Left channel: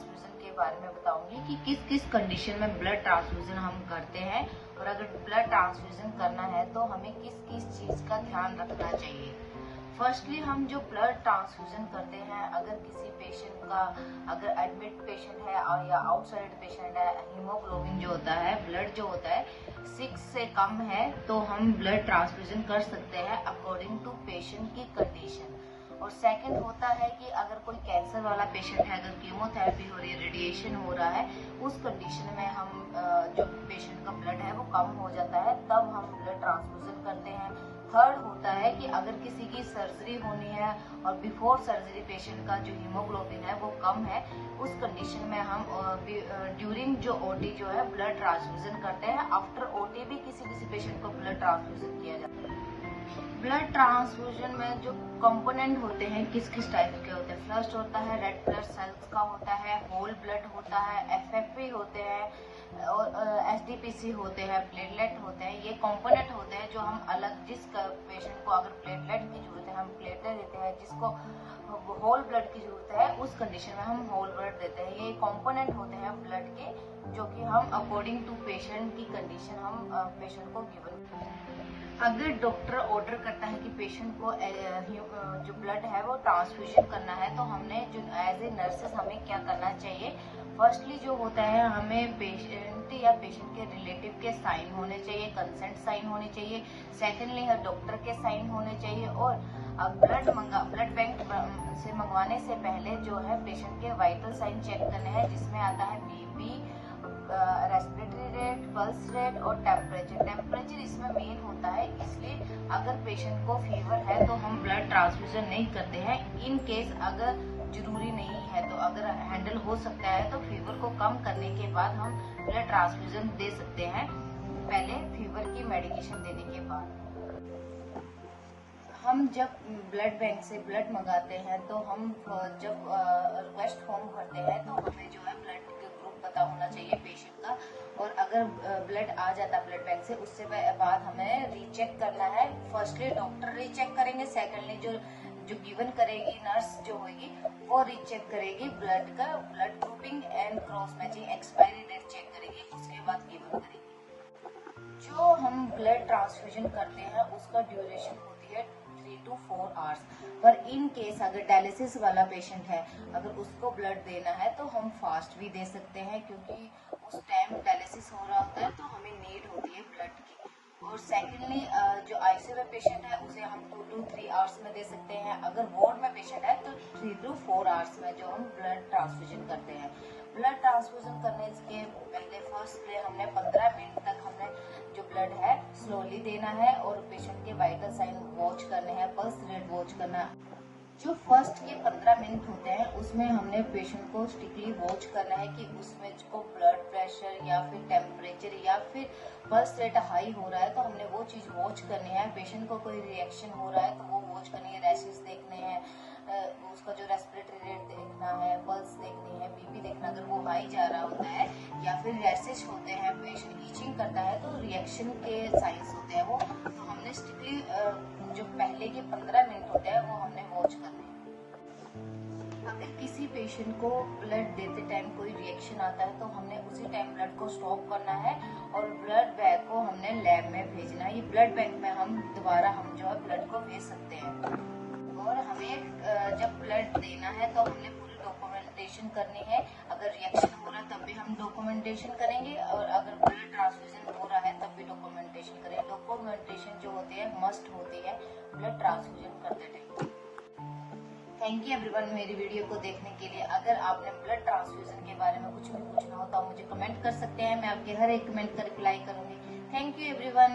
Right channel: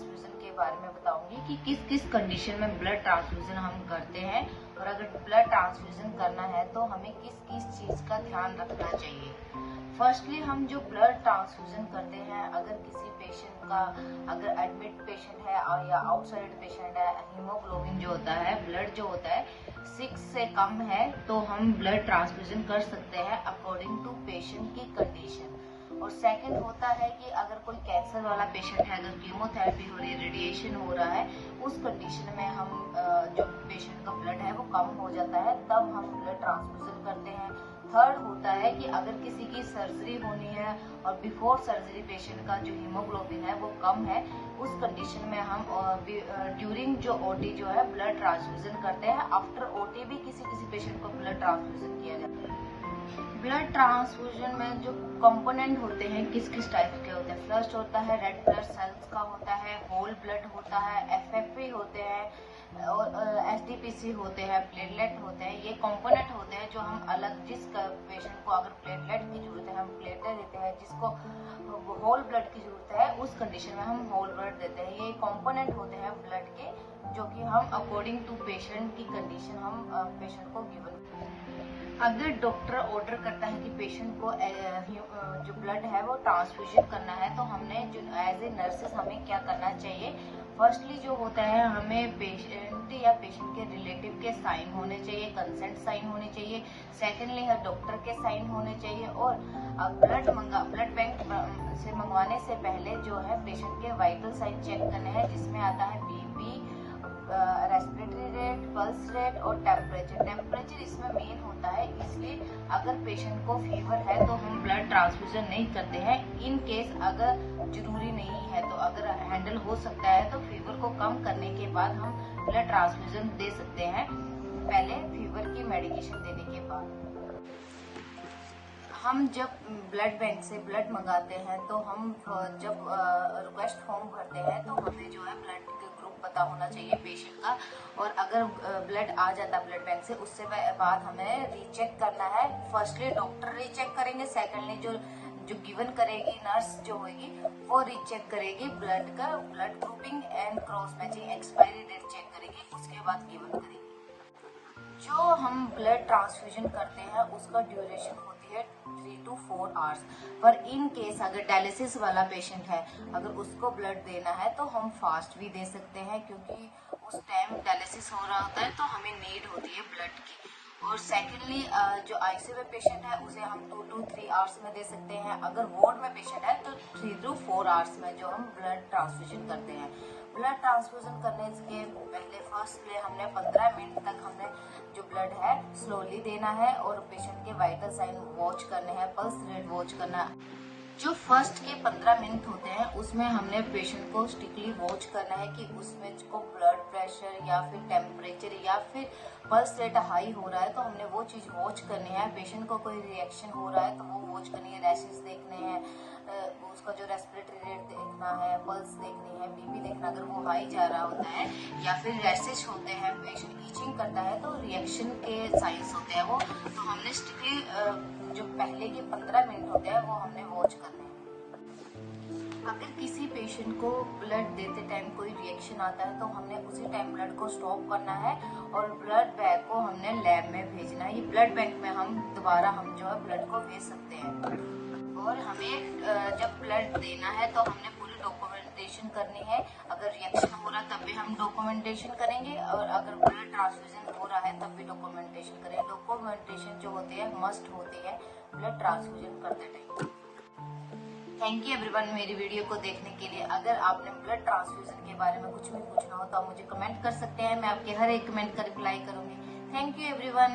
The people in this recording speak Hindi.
ट्रांसफ्यूजन के बारे में बताऊंगी कि किस किस कंडीशन में ब्लड ट्रांसफ्यूजन हम करते हैं, और अगर ब्लड ट्रांसफ्यूजन करना है तो हमें किस किस चीज का ध्यान रखना चाहिए। फर्स्टली हम जो ब्लड ट्रांसफ्यूजन करते हैं, अगर किसी पेशेंट का अगर एडमिट पेशेंट है या आउटसाइड पेशेंट है, हीमोग्लोबिन जो होता है, ब्लड जो होता है 6 से कम है, तो हम ब्लड ट्रांसफ्यूजन कर सकते हैं अकॉर्डिंग टू पेशेंट की कंडीशन। और सेकंड होता है कि अगर कोई कैंसर वाला पेशेंट है, अगर कीमोथेरेपी हो रही है, रेडिएशन हो रहा है, उस कंडीशन में हम जो पेशेंट का ब्लड है वो कम हो जाता है, तब हम ब्लड ट्रांसफ्यूजन करते हैं। थर्ड होता है कि अगर किसी की सर्जरी होनी है और बिफोर सर्जरी पेशेंट का जो हीमोग्लोबिन है वो कम है, उस कंडीशन में हम ड्यूरिंग जो ओटी जो है ब्लड ट्रांसफ्यूजन करते हैं। आफ्टर ओटी भी किसी किसी पेशेंट को ब्लड ट्रांसफ्यूजन किया जाता है। ब्लड ट्रांसफ्यूजन में जो कंपोनेंट होते हैं किस किस टाइप के होते हैं, फर्स्ट होता है रेड ब्लड सेल्स का होता है, होल ब्लड होता है, एफएफपी होते हैं और एसडीपीसी होते हैं, प्लेटलेट होते हैं। ये कंपोनेंट होते हैं जो हम अलग, जिस पेशेंट को अगर प्लेटलेट की जरूरत है हम प्लेटलेट देते हैं, जिसको होल ब्लड की जरूरत है उस कंडीशन में हम होल ब्लड देते हैं। ये कंपोनेंट होते हैं ब्लड के, जो कि हम अकॉर्डिंग टू पेशेंट की कंडीशन हम पेशेंट को गिवन करते हैं। अगर डॉक्टर ऑर्डर करता है कि पेशेंट को जो ब्लड है वो ट्रांसफ्यूजन करना है, तो हमने जो एज ए नर्सेस हमें क्या करना चाहिए। फर्स्टली जो होता है, हमें पेशेंट या पेशेंट के रिलेटिव के साइन होने चाहिए, कंसेंट साइन होनी चाहिए। सेकेंडली है डॉक्टर के साइन होने चाहिए। और ब्लड बैंक से मंगवाने से पहले जो है पेशेंट के वाइटल साइन चेक करने हैं, जिसमें आता है BP, respiratory rate, pulse rate और टेम्परेचर। टेम्परेचर इसमें मेन होता है, इसलिए अगर पेशेंट को फीवर है तो हम ब्लड ट्रांसफ्यूजन नहीं करते हैं। इन केस अगर जरूरी नहीं है, तो अगर हैंडल हो सकता है तो फीवर को कम करने के बाद हम ब्लड ट्रांसफ्यूजन दे सकते हैं, पहले फीवर की मेडिकेशन देने के बाद। हम जब ब्लड बैंक से ब्लड मंगाते हैं तो हम जब रिक्वेस्ट फॉर्म भरते हैं तो हमें जो है ब्लड ग्रुप पता होना चाहिए पेशेंट का। और अगर ब्लड आ जाता है ब्लड बैंक से, उससे बाद हमें रीचेक करना है। फर्स्टली डॉक्टर रीचेक करेंगे, सेकेंडली जो गिवन करेगी नर्स जो होगी वो रीचेक करेगी ब्लड का, blood grouping and cross matching, expiry date check करेगी, उसके बाद गिवन करेगी। जो हम ब्लड ट्रांसफ्यूजन करते हैं उसका ड्यूरेशन होती है 3 to 4 आवर्स। पर इन केस अगर डायलिसिस वाला पेशेंट है, अगर उसको ब्लड देना है तो हम फास्ट भी दे सकते हैं, क्योंकि उस टाइम डायलिसिस हो रहा होता है तो हमें नीड होती है ब्लड की। और सेकेंडली जो आईसीयू में पेशेंट है उसे हम 2 to 3 आवर्स में दे सकते हैं। अगर वार्ड में पेशेंट है तो 3 to 4 आवर्स में जो हम ब्लड ट्रांसफ्यूजन करते हैं। ब्लड ट्रांसफ्यूजन करने के पहले फर्स्ट हमने 15 मिनट तक हमने जो ब्लड है स्लोली देना है, और पेशेंट के वाइटल साइन वॉच करने हैं, पल्स रेट वॉच करना है। जो फर्स्ट के 15 मिनट होते हैं उसमें हमने पेशेंट को स्ट्रिक्टली वॉच करना है कि उसमें को ब्लड प्रेशर या फिर टेम्परेचर या फिर पल्स रेट हाई हो रहा है, तो हमने वो चीज वॉच करनी है। पेशेंट को कोई रिएक्शन हो रहा है तो वो वॉच करनी है, रैशेस देखने हैं, उसका जो रेस्पिरेटरी रेट देखना है, पल्स देखनी है, बीपी देखना। अगर वो हाई जा रहा होता है या फिर रैशेस होते हैं, पेशेंट ईचिंग करता है, तो रिएक्शन के साइंस होते हैं वो, तो हमने स्ट्रिक्टली जो पहले के 15 मिनट होते हैं वो हमने वॉच करने हैं। अगर किसी पेशेंट को ब्लड देते टाइम कोई रिएक्शन आता है तो हमने उसी टाइम ब्लड को स्टॉप करना है और ब्लड बैग को हमने लैब में भेजना है। ये ब्लड बैंक में हम दोबारा हम जो है ब्लड को भेज सकते हैं। और हमें जब ब्लड देना है तो हमने पूरी डॉक्यूमेंटेशन करनी है। अगर रिएक्शन हो रहा है तब भी हम डॉक्यूमेंटेशन करेंगे, और अगर ब्लड ट्रांसफ्यूजन हो रहा है तब भी डॉक्यूमेंटेशन करेंगे। डॉक्यूमेंटेशन जो होती है मस्ट होती है ब्लड ट्रांसफ्यूजन करते टाइम। थैंक यू एवरीवन मेरी वीडियो को देखने के लिए। अगर आपने ब्लड ट्रांसफ्यूजन के बारे में कुछ भी पूछना हो तो आप मुझे कमेंट कर सकते हैं, मैं आपके हर एक कमेंट का रिप्लाई करूंगी। Thank you everyone.